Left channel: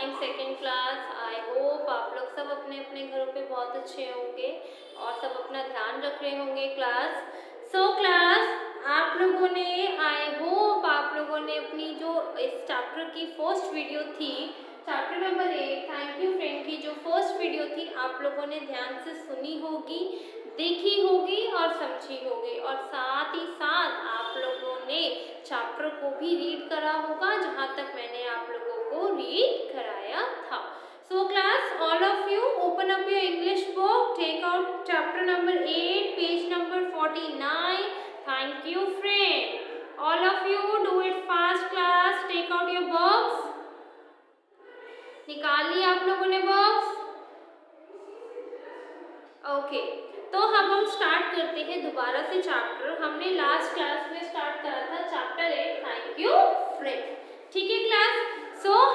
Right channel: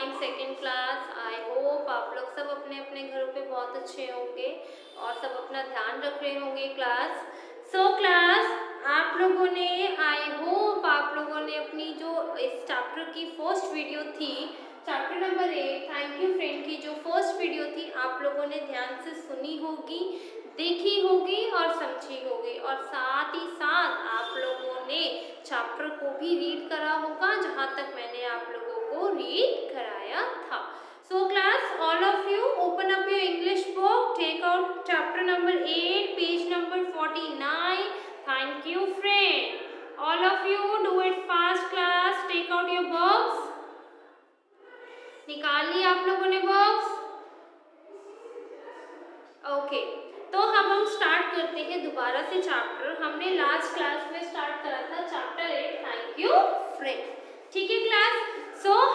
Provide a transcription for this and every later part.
Morning second class. I hope आप लोग सब अपने अपने घरों पे बहुत अच्छे होंगे और सब अपना ध्यान रख रहे होंगे क्लास। क्लास आप लोगों ने, आई होप आप लोगों ने अपनी जो इस चैप्टर की फर्स्ट वीडियो थी, chapter number 8 thank you friend की जो फर्स्ट वीडियो थी, आप लोगों ने ध्यान से सुनी होगी, देखी होगी और समझी होगी, और साथ ही साथ आप लोगों ने चैप्टर को भी रीड करा होगा जहाँ तक मैंने आप लोगों को रीड कराया था। So class, all of you open up your English book, take out chapter number 8, page number 49. Thank you friend. All of you do it fast class, take out your books. निकाल ली आप लोगों ने box? Okay, तो अब हम start करते हैं दोबारा से चैप्टर। हमने लास्ट क्लास में स्टार्ट करा था चैप्टर 8 थैंक यू फ्रेंड। ठीक है क्लास,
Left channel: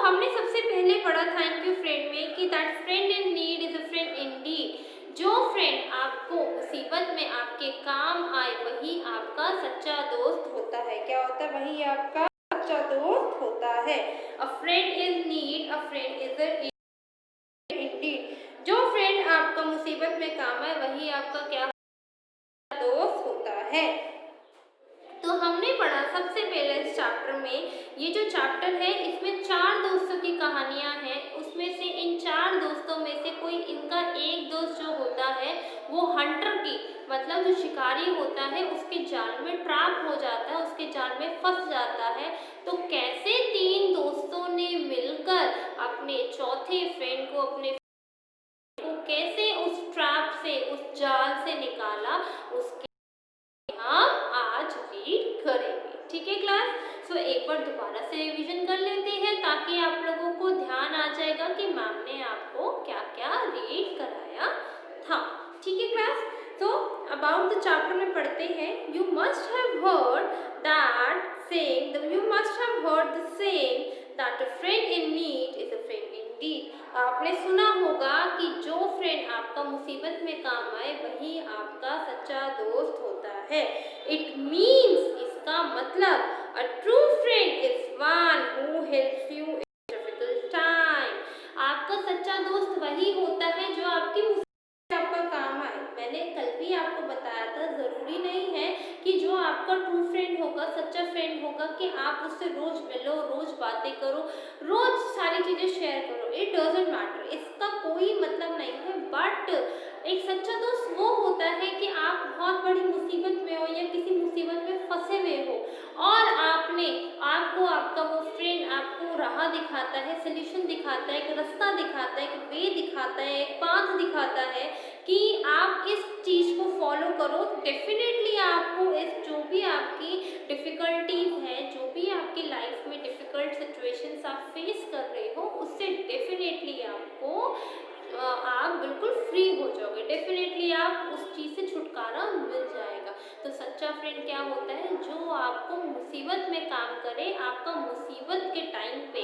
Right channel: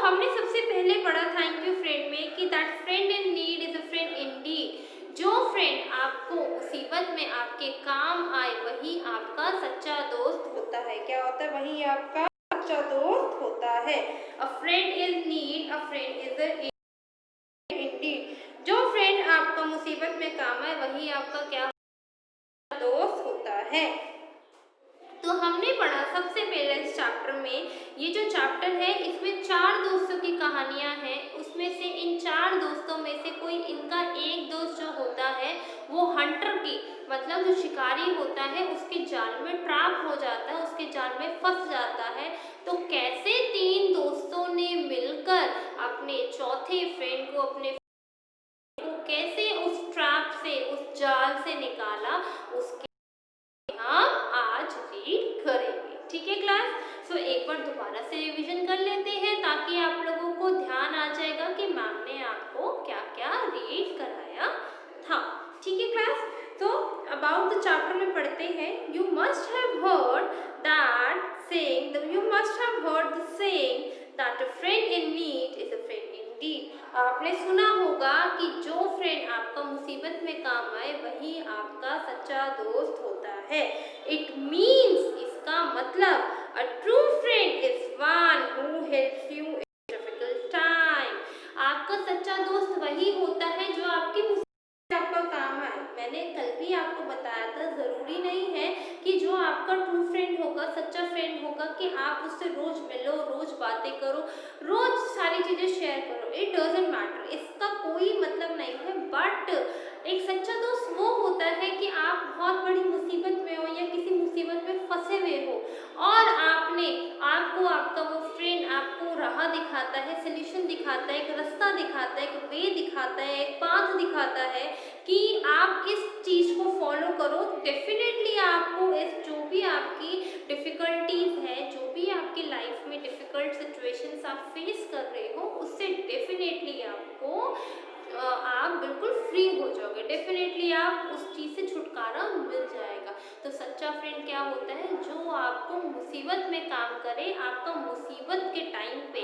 हमने सबसे पहले पढ़ा थैंक यू फ्रेंड में कि that friend in need is a friend Indeed. जो फ्रेंड आपको मुसीबत में आपके काम आए वही आपका सच्चा दोस्त होता है। क्या होता है? वही आपका सच्चा दोस्त होता है। अ friend in need, a friend is a Indeed. जो फ्रेंड आपका मुसीबत में काम आए वही आपका क्या दोस्त होता है। तो हमने पढ़ा सबसे पहले इस चैप्टर में, ये जो चैप्टर है इसमें 4 दोस्तों की कहानियां हैं। उसमें से इन 4 दोस्तों में से कोई इनका एक दोस्त जो होता है वो हंटर की, मतलब जो शिकारी होता है, उसके जाल में ट्रैप हो जाता है, उसके जाल में फंस जाता है। तो कैसे 3 दोस्तों ने मिलकर अपने चौथे फ्रेंड को, अपने को कैसे उस ट्रैप से, उस जाल से निकाला, उसके हम आज रीड करेंगे। ठीक है क्लास, एक बार दोबारा से रिवीजन कर लेते हैं ताकि आप लोगों को ध्यान आ जाएगा कि मैम ने आपको क्या क्या रीड कराया था। ठीक है क्लास, तो अबाउट द चैप्टर में पढ़ते हैं। You must have heard that saying, you must have heard the saying that a friend in need is a friend Indeed. आपने सुना होगा कि जो फ्रेंड आपका मुसीबत में काम आए वही आपका सच्चा दोस्त होता है। इट मीन्स, इसका मतलब, अ true friend is one who helps you in difficult time. आपका सच्चा दोस्त वही होता है जो आपकी मुसीबत में आपका काम आए। मैंने कल भी आपको बताया था, जरूरी नहीं है कि जो आपका ट्रू फ्रेंड होगा, सच्चा फ्रेंड होगा, कि आप उससे रोज मिलो, रोज बातें करो, रोज सारी चीजें शेयर करो। इट डजंट मैटर, इसका कोई मतलब नहीं है। बट एक सच्चा दोस्त वो होता है कि आप बहुत बड़ी मुसीबत में हो या किसी मुसीबत में फंसे हुए हो और आपको आपका वो फ्रेंड आपको राह दिखाता है, सोल्यूशन दिखाता है, एक रास्ता दिखाता है, एक वे दिखाता है, एक पाथ दिखाता है कि आप इस चीज़ को फॉलो करो। डेफिनेटली आपको इस जो भी आपकी डिफ़िकल्टीज हैं, जो भी आपकी लाइफ में डिफ़िकल्ट सिचुएशंस आप फेस कर रहे हो, उससे डेफिनेटली आपको आप बिल्कुल फ्री हो जाओगे। डेफिनेटली आप उस चीज़ से छुटकारा मिल जाएगा। तो सच्चा फ्रेंड क्या होता है? जो आपको मुसीबत में काम करे, आपका मुसीबत के टाइम पे,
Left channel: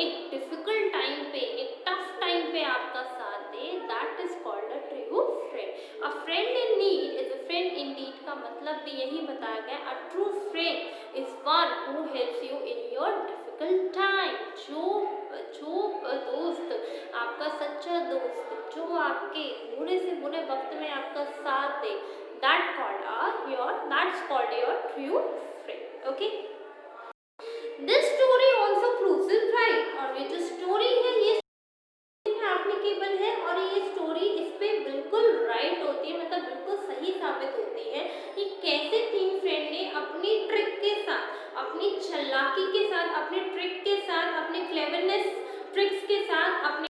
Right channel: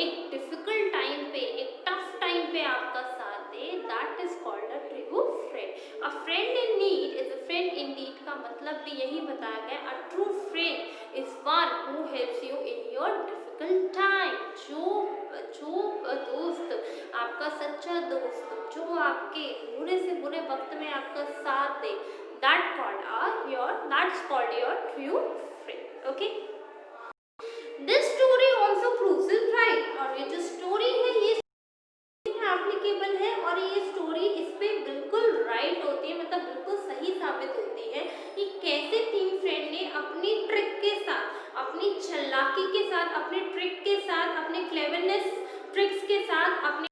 एक डिफ़िकल्ट टाइम पे, एक टफ टाइम पे आपका साथ दे, that is called a true friend. A friend in need is a friend in need का मतलब भी यही बताया गया। A true friend is one who helps you in your difficult time. जो दोस्त, आपका सच्चा दोस्त, जो आपके बुरे से बुरे वक्त में आपका साथ दे, that's called your true friend. Okay, this story also proves it right. और ये जो स्टोरी है ये एप्लीकेबल है और ये स्टोरी इस पे बिल्कुल राइट होती है, मतलब बिल्कुल सही साबित होती है कि कैसे 3 फ्रेंड ने अपनी ट्रिक के साथ, अपनी चालाकी के साथ, अपने ट्रिक के साथ, अपने क्लेवरनेस ट्रिक्स के साथ अपने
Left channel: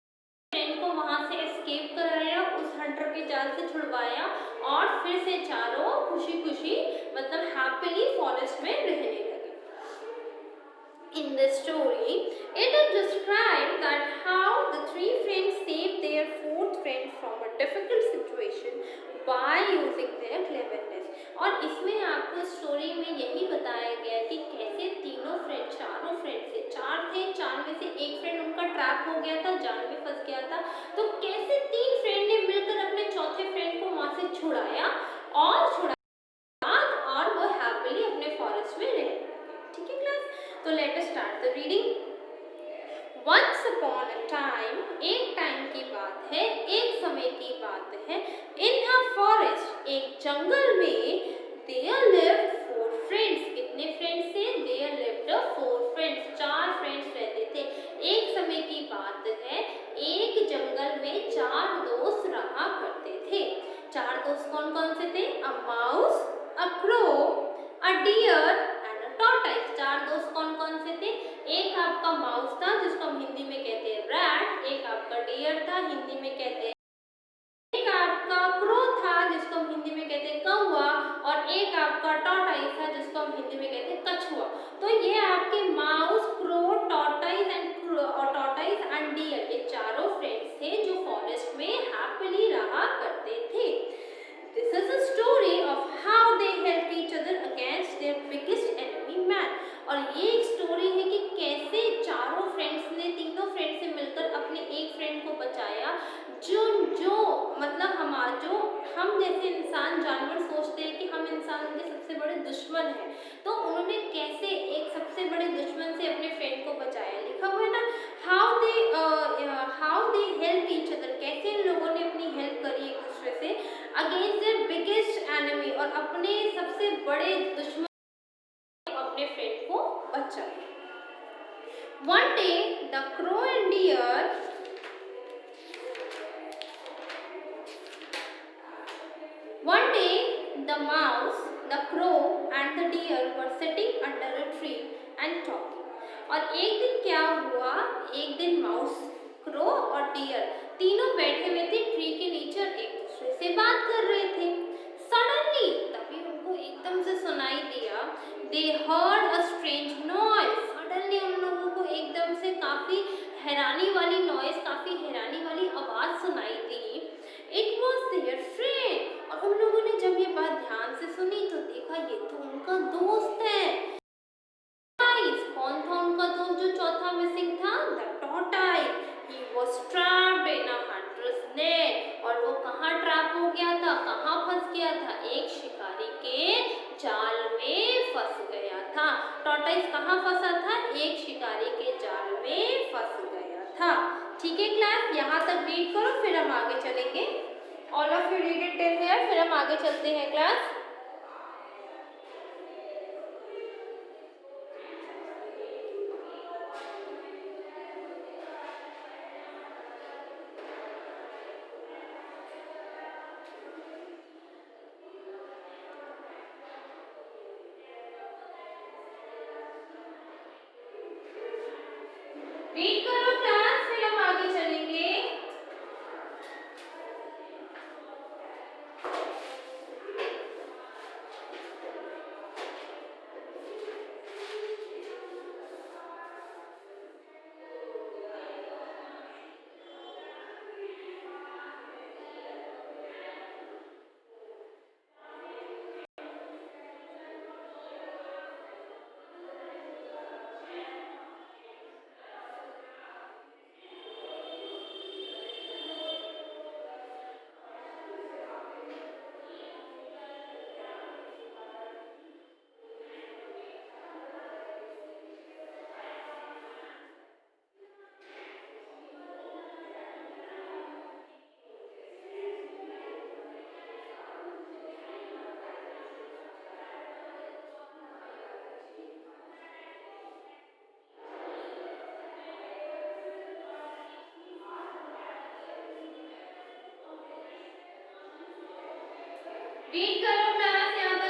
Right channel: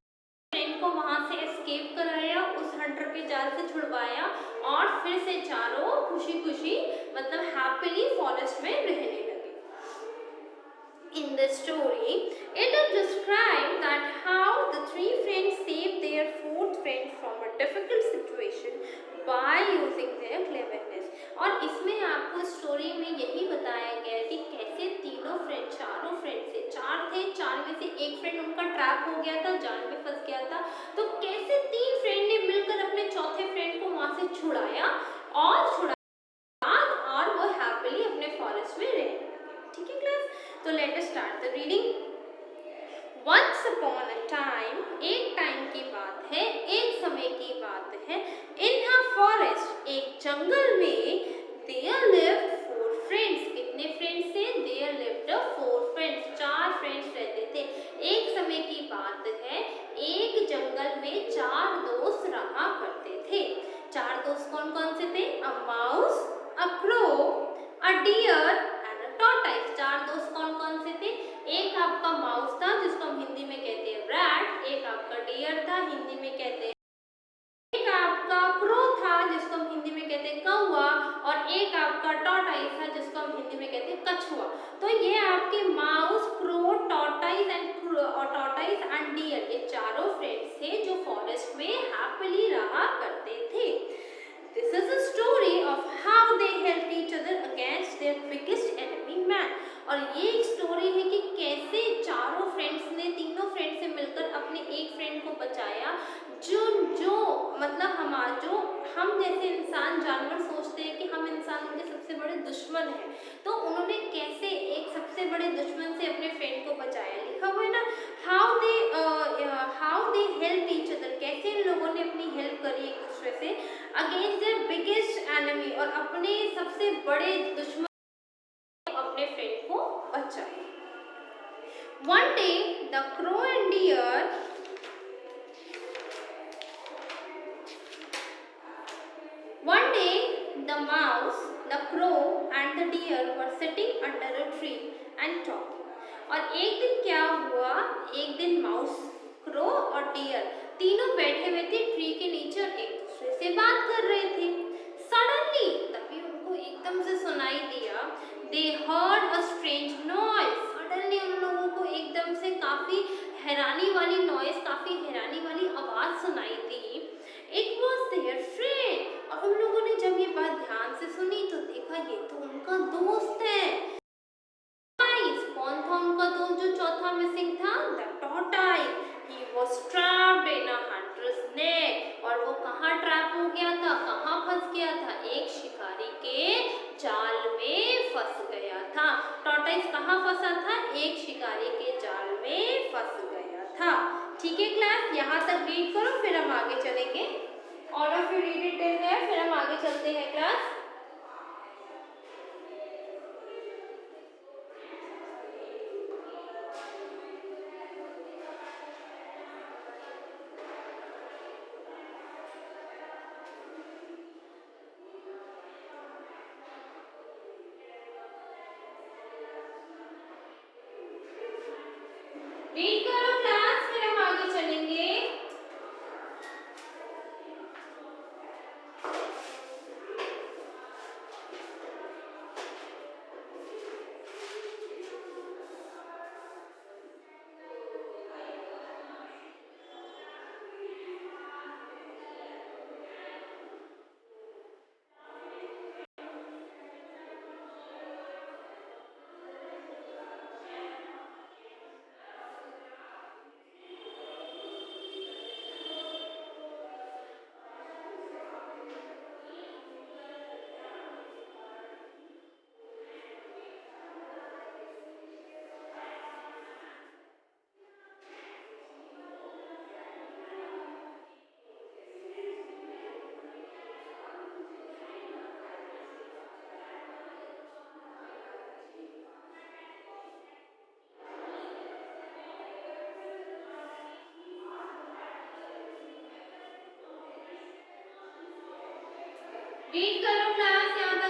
फ्रेंड को वहां से एस्केप कराया, उस हंटर के जाल से छुड़वाया और फिर से चारों खुशी खुशी, मतलब हैप्पीली फॉरेस्ट में रहने लगे। In the story, it is described that how the 3 friends saved their 4th friend from a difficult situation by using their cleverness. और इसमें आपको स्टोरी में यही बताया गया है कि कैसे तीनों फ्रेंड, चारों फ्रेंड से, 4 थे, 4 में से एक फ्रेंड उनका ट्रैप हो गया था, जाल में फंस गया था, तो कैसे 3 फ्रेंड ने मिलकर अपने चौथे फ्रेंड को वहां से छुड़ाया और वो हैप्पीली अपने फॉरेस्ट में रहने लगे। ठीक है क्लास, तो let us start the reading. Once upon a time, एक टाइम की बात है, एक समय की बात है, इन अ फॉरेस्ट, एक जंगल में, देयर लिव्ड फोर फ्रेंड्स, कितने फ्रेंड्स थे? देयर लिव्ड फोर फ्रेंड्स, चार फ्रेंड्स रहते थे। एक समय की बात है, एक जंगल में चार दोस्त रहा करते थे। चार दोस्त कौन कौन से थे? A mouse, a crow, a deer and a tortoise. चार दोस्त कौन कौन से थे? एक आपका माउस था जिसको हम हिंदी में कहते हैं रैट, एक आपका डियर था, हिंदी में कहते हैं, एक आपका क्रो था जिसको हम हिंदी में कहते हैं कौवा, और एक आपका टॉर्टाइस था जिसको हम हिंदी में कहते हैं कछुआ। तो ये आपके mouse, crow, tortoise and deer, ये चारों फ्रेंड्स थे जो फॉरेस्ट में हैप्पीली रहा करते थे। This is a story of how they helped each other against their biggest enemy man। और ये एक स्टोरी है कि कैसे चारों फ्रेंड्स ने, तीनों फ्रेंड्स ने मिलकर अपने एक फ्रेंड को बचाया, जो जो मतलब जो हम जैसे इंसान जानवर सोचते हैं कि हम इंसान उनके सबसे बड़े दुश्मन हैं, तो उन्होंने कैसे एक सबसे बड़े दुश्मन से अपने फ्रेंड को बचाया। लिखा हुआ है ना, how they help each other, कैसे इन लोगों ने अपनी हेल्प करी एक दूसरे से, अगेंस्ट देयर बिगेस्ट एनिमी, और अपने सबसे बड़े दुश्मन अपने फ्रेंड को बचाए। One day the crow and deer, one day the mouse, the crow and the deer were sitting under a tree and talking। और एक दिन क्या हुआ, एक दिन माउस, क्रो और डियर तीनों बैठे हुए थे ट्री के नीचे और एक दूसरे से बात कर रहे थे। सडनली, तभी उनको एकदम से सुनाई दिया, दे heard a strange noise. Suddenly उन लोगों को एकदम से काफी हैरानी वाली नॉइज, काफी हैरानी वाली आवाज सुनाई दी। It was their friend. और उन लोगों ने जब ये बात ध्यान से सुनी तो देखा ये तो उनका दोस्त है। कौन था उनका दोस्त जो चौथा मिसिंग था? The tortoise. He was trapped in a hunters net. और वो कहाँ ट्रैप हो गया था, कहाँ फंस गया था? एक शिकारी के जाल में फंस गया था। टॉर्टाइस कहाँ फंसा था? एक शिकारी के जाल में फंस गया था। ठीक है क्लास, यहाँ तक रीड करो, फिर हम आगे चलेंगे। All of you read it till here, फिर हम आगे चलते हैं क्लास। रीड करो क्लास, फिर हम आगे चलेंगे। रीड करो क्लास, यहाँ तक।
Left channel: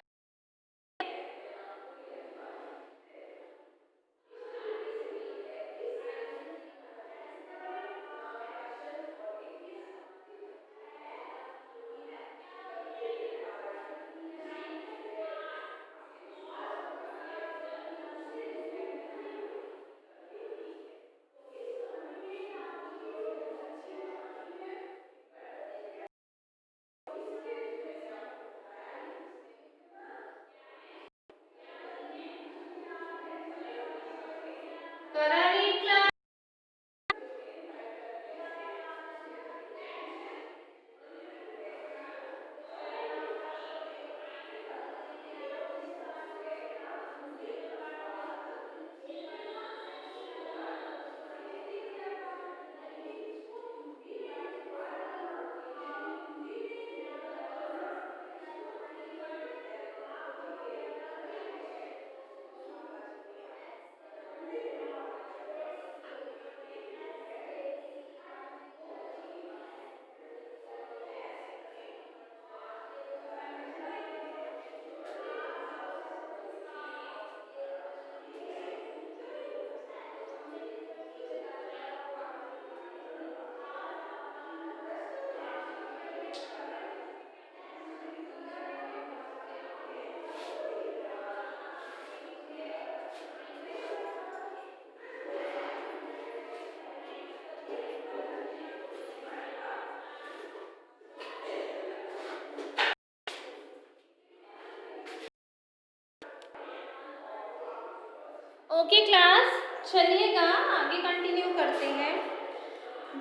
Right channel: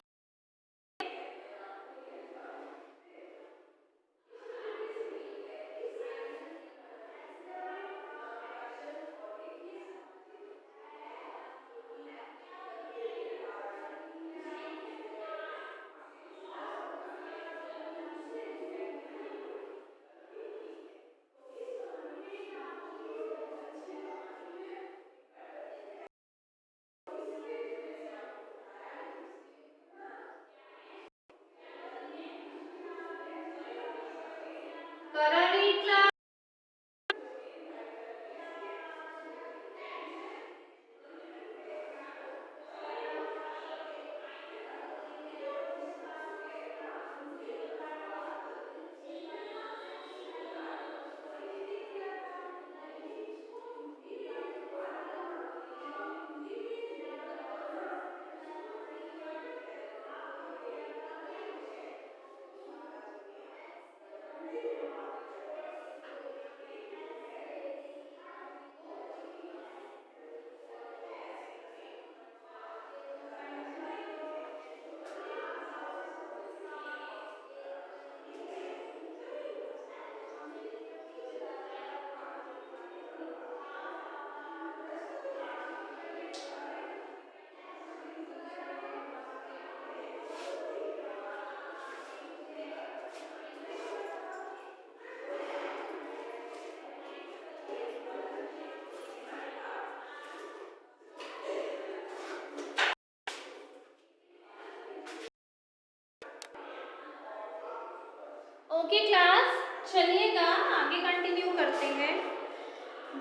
ओके क्लास, चलिएगा आगे कंटिन्यू करते हैं।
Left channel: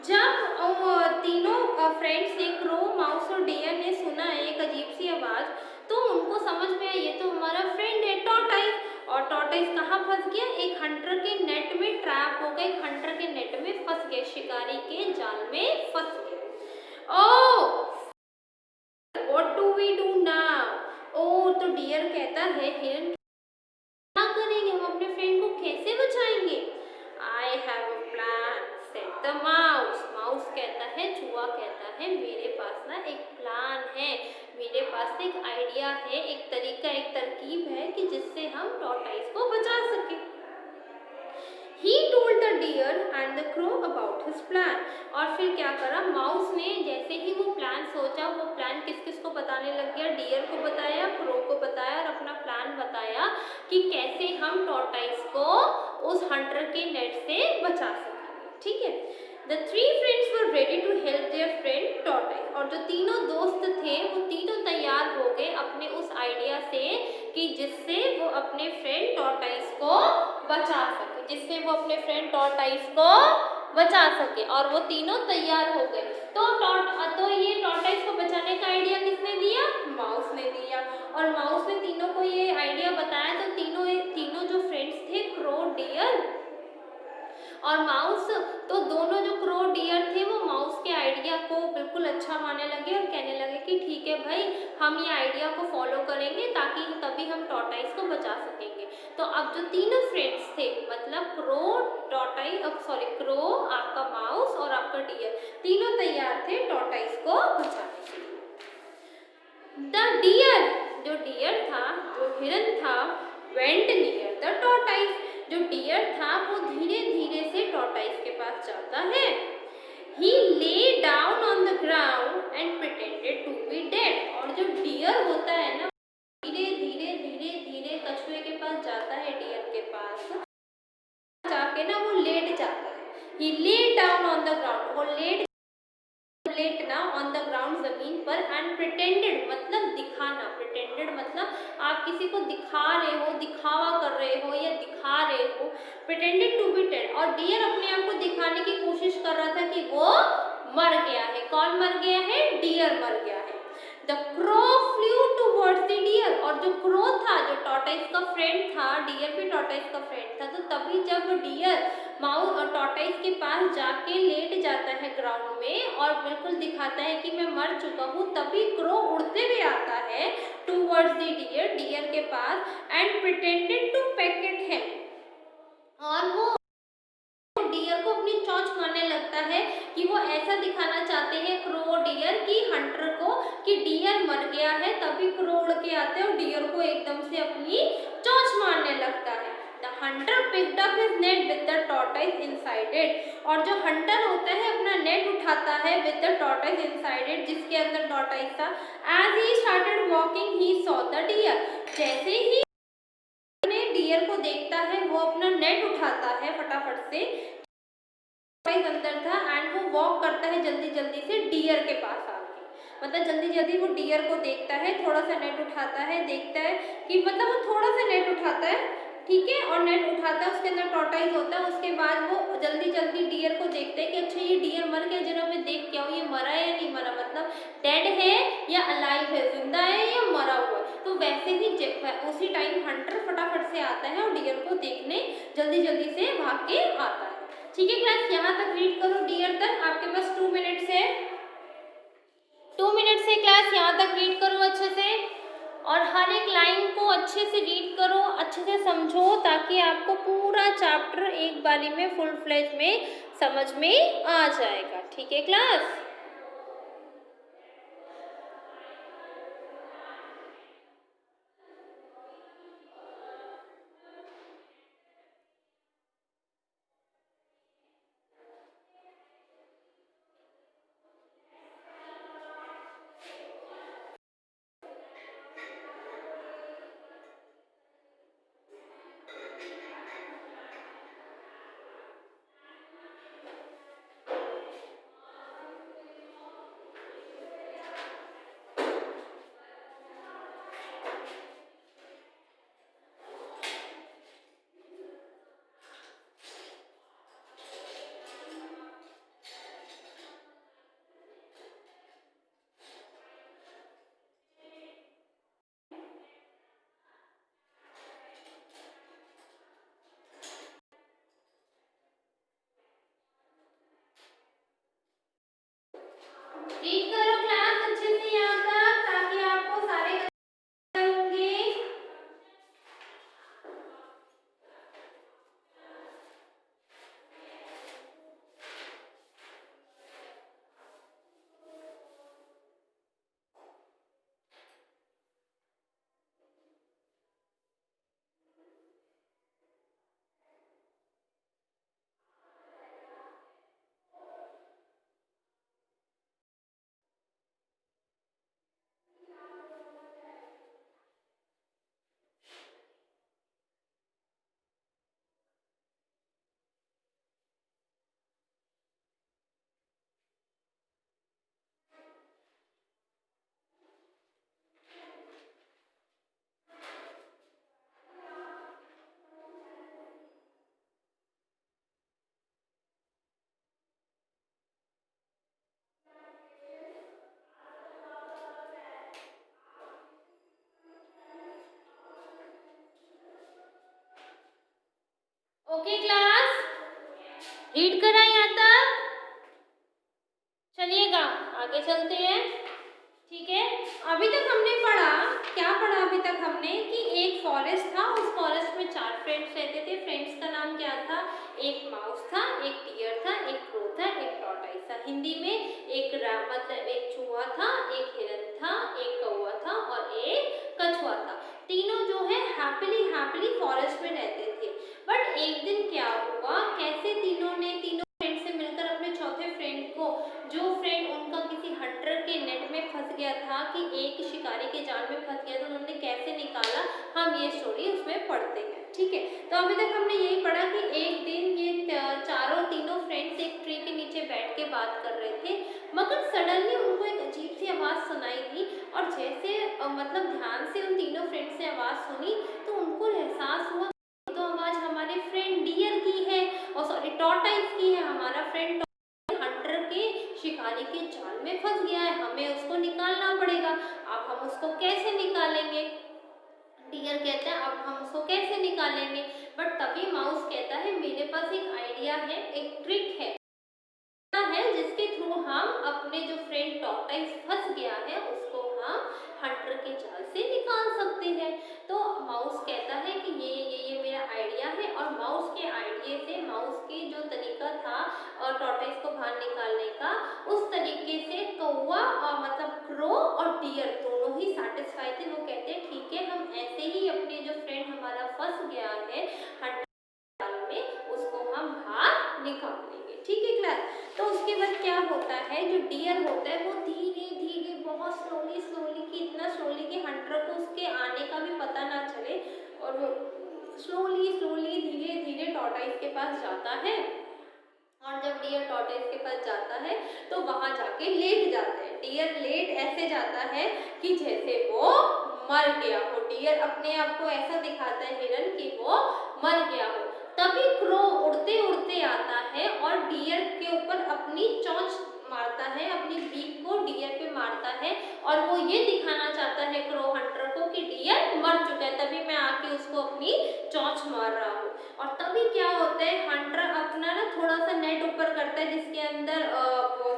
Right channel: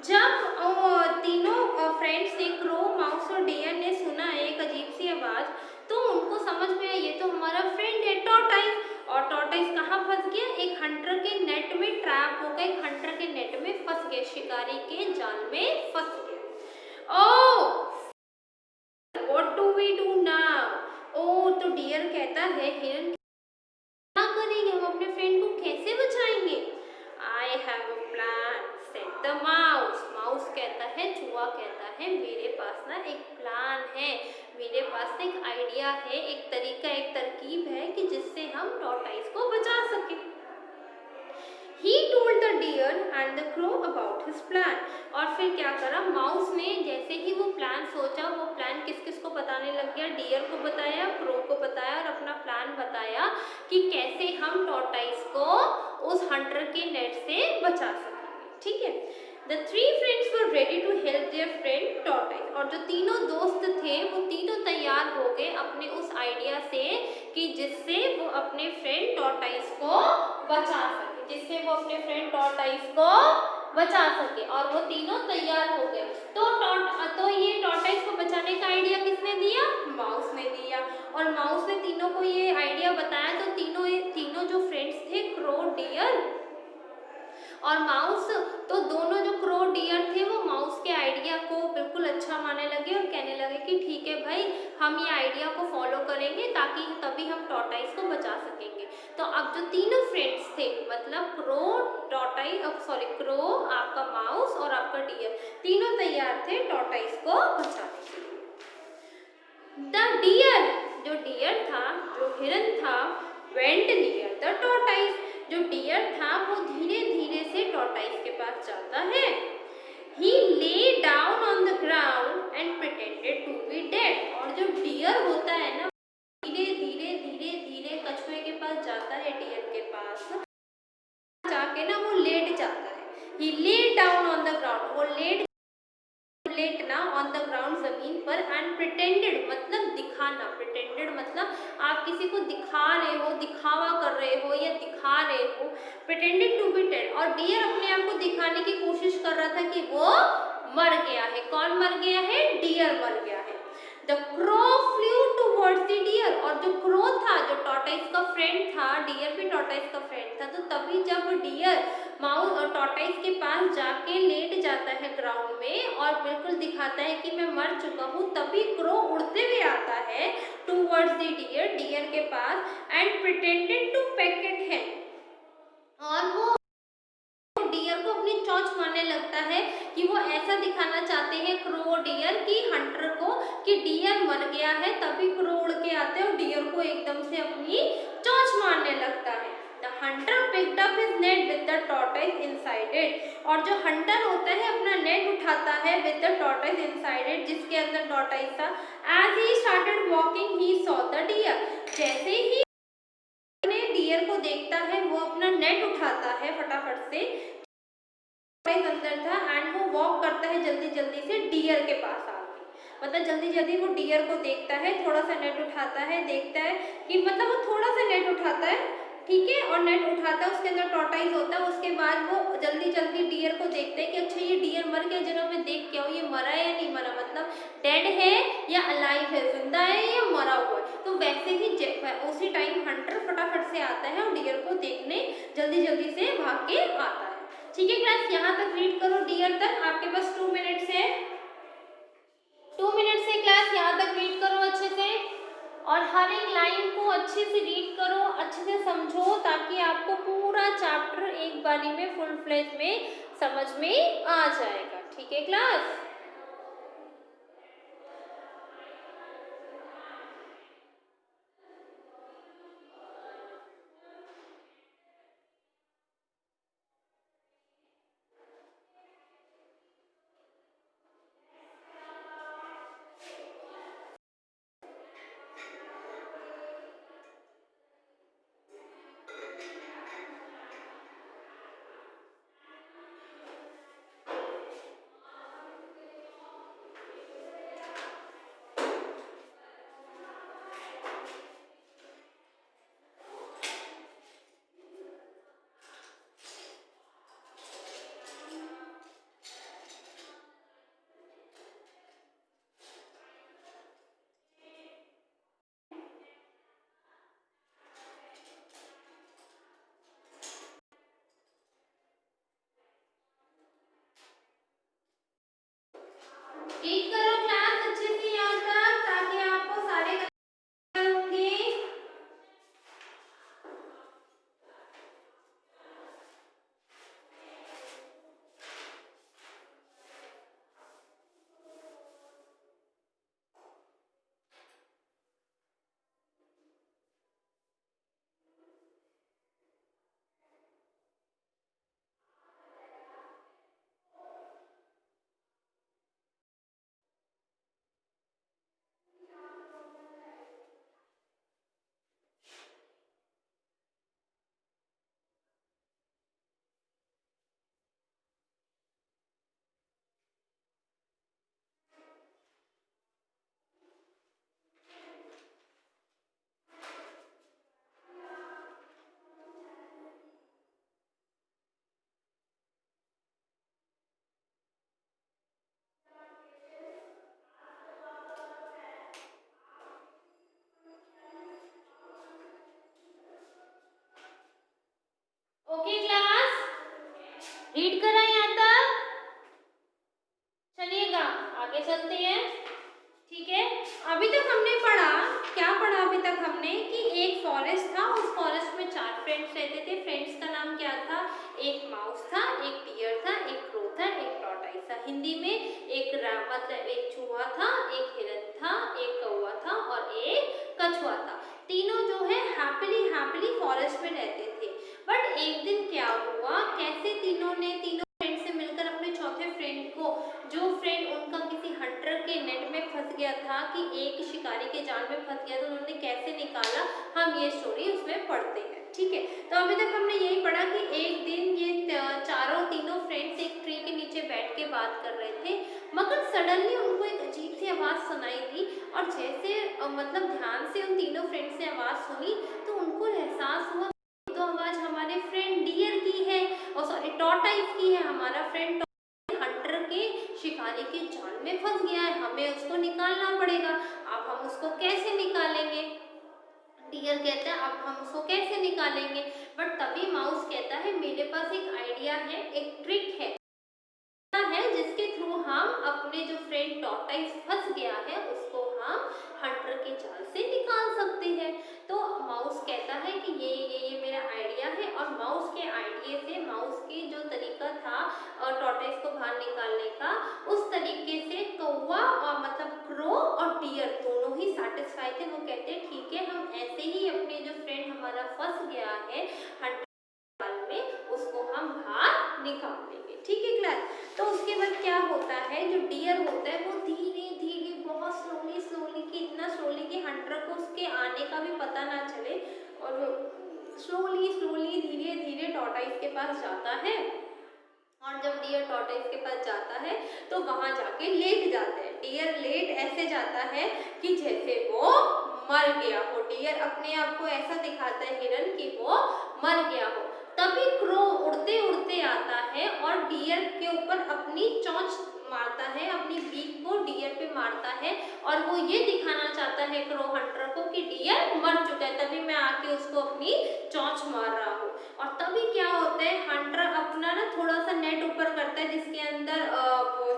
जब तीनों फ्रेंड्स ने क्रो, माउस और डियर ने सुना एक अजीब सी आवाज़, तो उनको समझ में आया ये तो हमारा फ्रेंड है टॉर्टाइस। और टॉर्टाइस कहाँ फंस गया? एक हंटर के नेट में ट्रैप हो गया, एक हंटर के नेट में फंस गया, शिकारी के जाल में फंस गया। Oh what do we do now? Oh, तो डियर कहता है हिरन, क्या करेंगे हम, अपने फ्रेंड को कैसे बचाएंगे? I have a plan said the mouse. Mouse कहता है, चूहा कहता है, मेरे पास ना एक प्लान है, मेरे पास एक आइडिया है, एक तरीका, एक तरकीब है कि जिससे हम टॉर्टाइस को बचा सके। He told the deer and the crow about his plan। और फिर क्या करा माउस ने? जैसे ही वो प्लान सोचा, वो प्लान किस किस को बताने लग गया? डियर को बताया, क्रो को बताया और अपना प्लान बताया कि कैसे हम टॉर्टाइस को उस हंटर के नेट से बचा सकेंगे। ठीक है, The three friends were ready to help their friend tortoise। और जो तीनों दोस्त थे वो तीनों तैयार हो गए अपने उस आइडिया से कि जिससे वो अपने फ्रेंड टॉर्टाइस को बचा सके, जिससे वो अपने फ्रेंड टॉर्टाइस को बचा सके। और वो तीनों तैयार हो गए। तो ये टॉर्टाइस को बचाने का आइडिया किसने दिया? माउस ने दिया। और माउस ने तीनों को ये आइडिया बताया, तो तीनों जो फ्रेंड्स थे, क्रो, डियर और माउस, तो दोनों जो क्रो, डियर थे वो माउस के आइडिया को बिल्कुल अच्छा मानने लगे और कहने लगे कि ठीक है भाई, हम ये आइडिया को फॉलो करेंगे ताकि तभी हम टॉर्टाइस को बचा सकेंगे। तो अब जो तीनों फ्रेंड्स थे, मतलब क्रो, क्रो, आपका माउस और आपका डियर, तीनों तैयार थे टॉर्टाइस को बचाने के लिए। द डियर, जो डियर था, जो हिरन था, वेंट नियर द टॉर्टाइस। जो डियर था वो धीरे धीरे से टॉर्टाइस के पास जाता है। He lay down on the ground and pretended to be dead। और जो डियर होता है ना, धीरे धीरे धीरे धीरे कछुए के पास जाता है, डियर के पास जाके ना वो लेट जाता है। He lay down on the ground, वो लेटना ऑन द ग्राउंड, जमीन पर, एंड प्रिटेंडेड मतलब दिखाना, प्रिटेंडेड मतलब आप किसी को दिखा रहे हो, दिखावा कर रहे हो या दिखा रहे हो, प्रिटेंडेड टू बी डेड। और डियर अपने आप को दिखाने की कोशिश कर रहा था कि वो मर गया है। कौन मर गया है? डियर मर गया है। The crow flew towards the deer. और जो क्रो था, जो टॉर्टाइस का फ्रेंड था, डियर भी टॉर्टाइस का फ्रेंड था, तो तभी जब डियर माउस और टॉर्टाइस के पास जाके लेट जाता है ग्राउंड में और बिल्कुल दिखाता है कि मैं मर चुका हूँ, तभी क्रो उड़ते हुए आता है टूवर्ड्स द डियर, डियर के पास, and pretended to peck at him. और वो डियर को अपनी चोंच मारने लगता है कि वो ऐसा दिखाना चाहते हैं, क्रो डियर की हंटर को, कि डियर मर गया है। तभी क्रो उड़ के आते हैं और डियर को एकदम से अपनी चोंच मारने लगता है। The hunter picked up his net with the tortoise inside it. और जो हंटर होता है अपना नेट उठाता है with the tortoise inside it, जिसके अंदर टॉर्टाइस था। As he started walking he saw the deer. जैसे ही डियर को देखता है, वो अपना नेट उठाता है फटाफट से, अंदर था, एंड वो वॉक करता है जल्दी जल्दी से डियर के पास आके, मतलब जल्दी जल्दी वो डियर को देखता है, थोड़ा सा नेट उठाता है, देखता है कि मतलब वो थोड़ा सा नेट उठाता है, ठीक है, और नेट उठाता है, उसके अंदर टॉर्टाइस होता है। उसके बाद वो जल्दी जल्दी डियर को देखते हैं कि अच्छा ये डियर मर गया, जरा मैं देख के आऊँ ये मरा है या नहीं मरा, मतलब डेड है या अलाइव है, जिंदा है या मरा हुआ है। तो वैसे ही उसी टाइम हंटर फटाफट से आता है और डियर को देखने जल्दी जल्दी से भाग के आता है। ठीक है क्लास, यहाँ तक रीड करो, डियर तक आपके पास 2 मिनट्स है, 2 मिनट से क्लास यहाँ तक रीड करो अच्छे से, और हर एक लाइन को अच्छे से रीड करो, अच्छे से समझो, ताकि आपको पूरा चैप्टर एक बारी में फुल फ्लेज में समझ में आ जाएगा। ठीक है क्लास। ओके क्लास, रीड करा यहाँ तक? चलिएगा आगे चलते हैं। ठीक है, अभी तक हमने पढ़ा, क्या पढ़ा अभी तक हमने कि एक फॉरेस्ट था, उस फॉरेस्ट में 4 फ्रेंड्स रहते थे। फ्रेंड्स का नाम क्या था? एक माउस था, एक डियर था, एक क्रो था, एक टॉर्टोइस था। हिंदी में एक मतलब एक चूहा था, एक हिरन था, एक कौवा था और एक कछुआ था। तीनों जो है हैप्पीली फॉरेस्ट में रहते थे। बट एक दिन क्या हुआ, कैसे तीनों फ्रेंड से मिलकर अपने चौथे फ्रेंड को, जो फ्रेंड उनका किसी हंटर के नेट में फंस गया था, कि एक शिकारी के जाल में फंस गया, तो उन्होंने कैसे निकाला, हम ये स्टोरी उसमें पढ़ते हैं। ठीक है, तो अभी तक हमने यही पढ़ा कि एक दिन ये तीनों फ्रेंड्स एक ट्री के नीचे बैठ के बात कर रहे थे, मगर सडनली उनको एक अजीब सी आवाज़ सुनाई दी। और जैसे मतलब ध्यान से उन तीनों फ्रेंड्स ने आवाज़ सुनी, तो उनको एहसास हुआ तो आवाज़ हमारे फ्रेंड डियर की है, और सॉरी टॉर्टोइस की है। हमारा फ्रेंड हंटर के शिकारी के जाल में फंस गया है, हमें उसको निकालना पड़ेगा। अब हम उसको कैसे निकालेंगे? डियर कहता है अब हम उसको कैसे निकालेंगे? बट तभी माउस कहता है मेरे पास एक आइडिया है, एक ट्रिक है जिसके थ्रू हम अपने जो फ्रेंड टॉर्टोइस फंस गया है उसको हम हंटर के जाल से निकाल सकते हैं। तो माउस कहता है कि ये मेरा आइडिया है, और माउस के आइडिया से, माउस के जो तरीका था टॉर्टोइस को बाहर निकालने का, उस तरीके से कौवा और मतलब क्रो और डियर दोनों ही सेटिस्फाई थे। वो कहते हैं ठीक है, हम ऐसे ही अपने जो फ्रेंड हमारा फंस गया है हंटर में, उसको हम बाहर निकाल लेंगे। ठीक है क्लास, तो उसके बाद क्या होता है, जो डियर होता है वो धीरे धीरे बहुत स्लोली कि इतना स्लोली कि हंटर को उसके आने का भी पता ना चले, और वो स्लोली धीरे धीरे टॉर्टोइस के पास जाता है। और जब डियर टॉर्टोइस के पास जाता है तो वहां जाके लेट जाता है। डियर लेट ऐसे जाता है कि जैसे वो मर गया हो। डियर अपने आप को ऐसा दिखाता है हिरन कि वो मर गया हो। तभी क्रो उड़ते उड़ते आता है और डियर के ऊपर अपनी चोंच मारता है, अपनी बीक को डियर पे मारता है, और वो ये दिखाना चाहता है क्रो हंटर को कि डियर मर चुका है, तभी मैं आके उसको अपनी चोंच मार रहा हूँ। और तभी क्या होता है, हंटर अपना ना थोड़ा सा नेट ऊपर करता है जिसके अंदर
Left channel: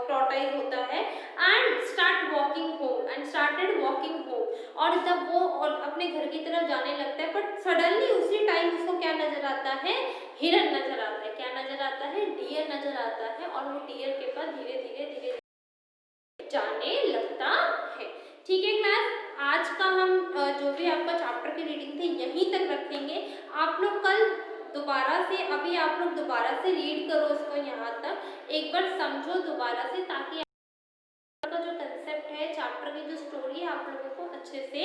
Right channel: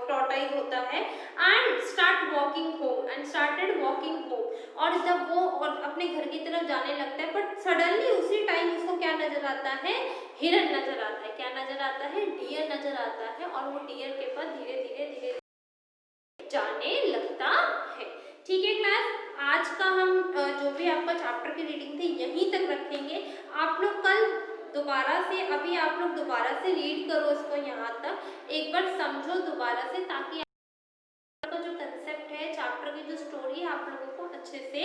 टॉर्टोइस होता है, एंड स्टार्टेड वॉकिंग होम। और जब वो और अपने घर की तरफ जाने लगता है, बट सडनली उसी टाइम उसको क्या नजर आता है, हिरन नजर आता है। क्या नजर आता है? डियर नजर आता है, और वो डियर के पास धीरे धीरे जाने लगता है। ठीक है क्लास, आज का हम जो भी आपका चैप्टर की रीडिंग थी यहीं तक रखेंगे। आप लोग कल दोबारा से, अभी आप लोग दोबारा से रीड करो इसको, यहाँ तक एक बार समझो दोबारा से, ताकि का जो कंसेप्ट है, चैप्टर की जो स्टोरी है, आप लोगों को अच्छे से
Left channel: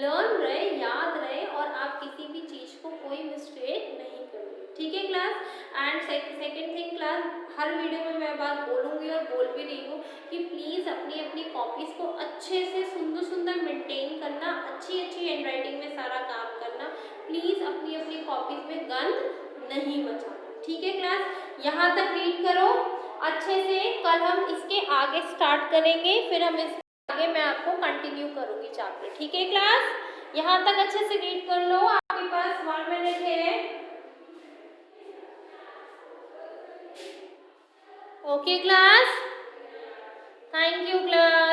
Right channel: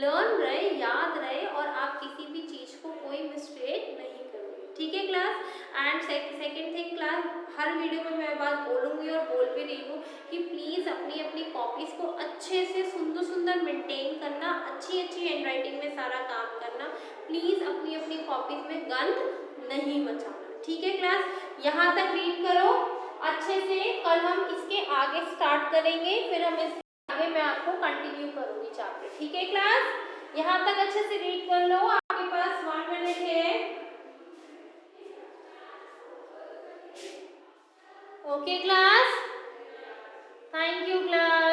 लर्न रहे, याद रहे, और आप किसी भी चीज़ को कोई मिस्टेक नहीं करोगे। ठीक है class, and second thing class, her video में मैं बात बोलूँगी और बोल भी रही हूँ कि प्लीज़ अपनी अपनी कॉपीज़ को अच्छे से सुंदर मेंटेन करना, अच्छी हैंडराइटिंग में सारा काम करना। प्लीज़ अपनी अपनी कॉपीज़ में गंद नहीं मचाना। ठीक है क्लास, यहाँ तक रीड करो अच्छे से। कल हम इसके आगे स्टार्ट करेंगे, फिर हम इसके आगे मैं आपको कंटिन्यू करूँगी चैप्टर। ठीक है क्लास, यहाँ तक अच्छे से रीड कर लो। आपके पास 1 मिनट है। Okay class, thank you class.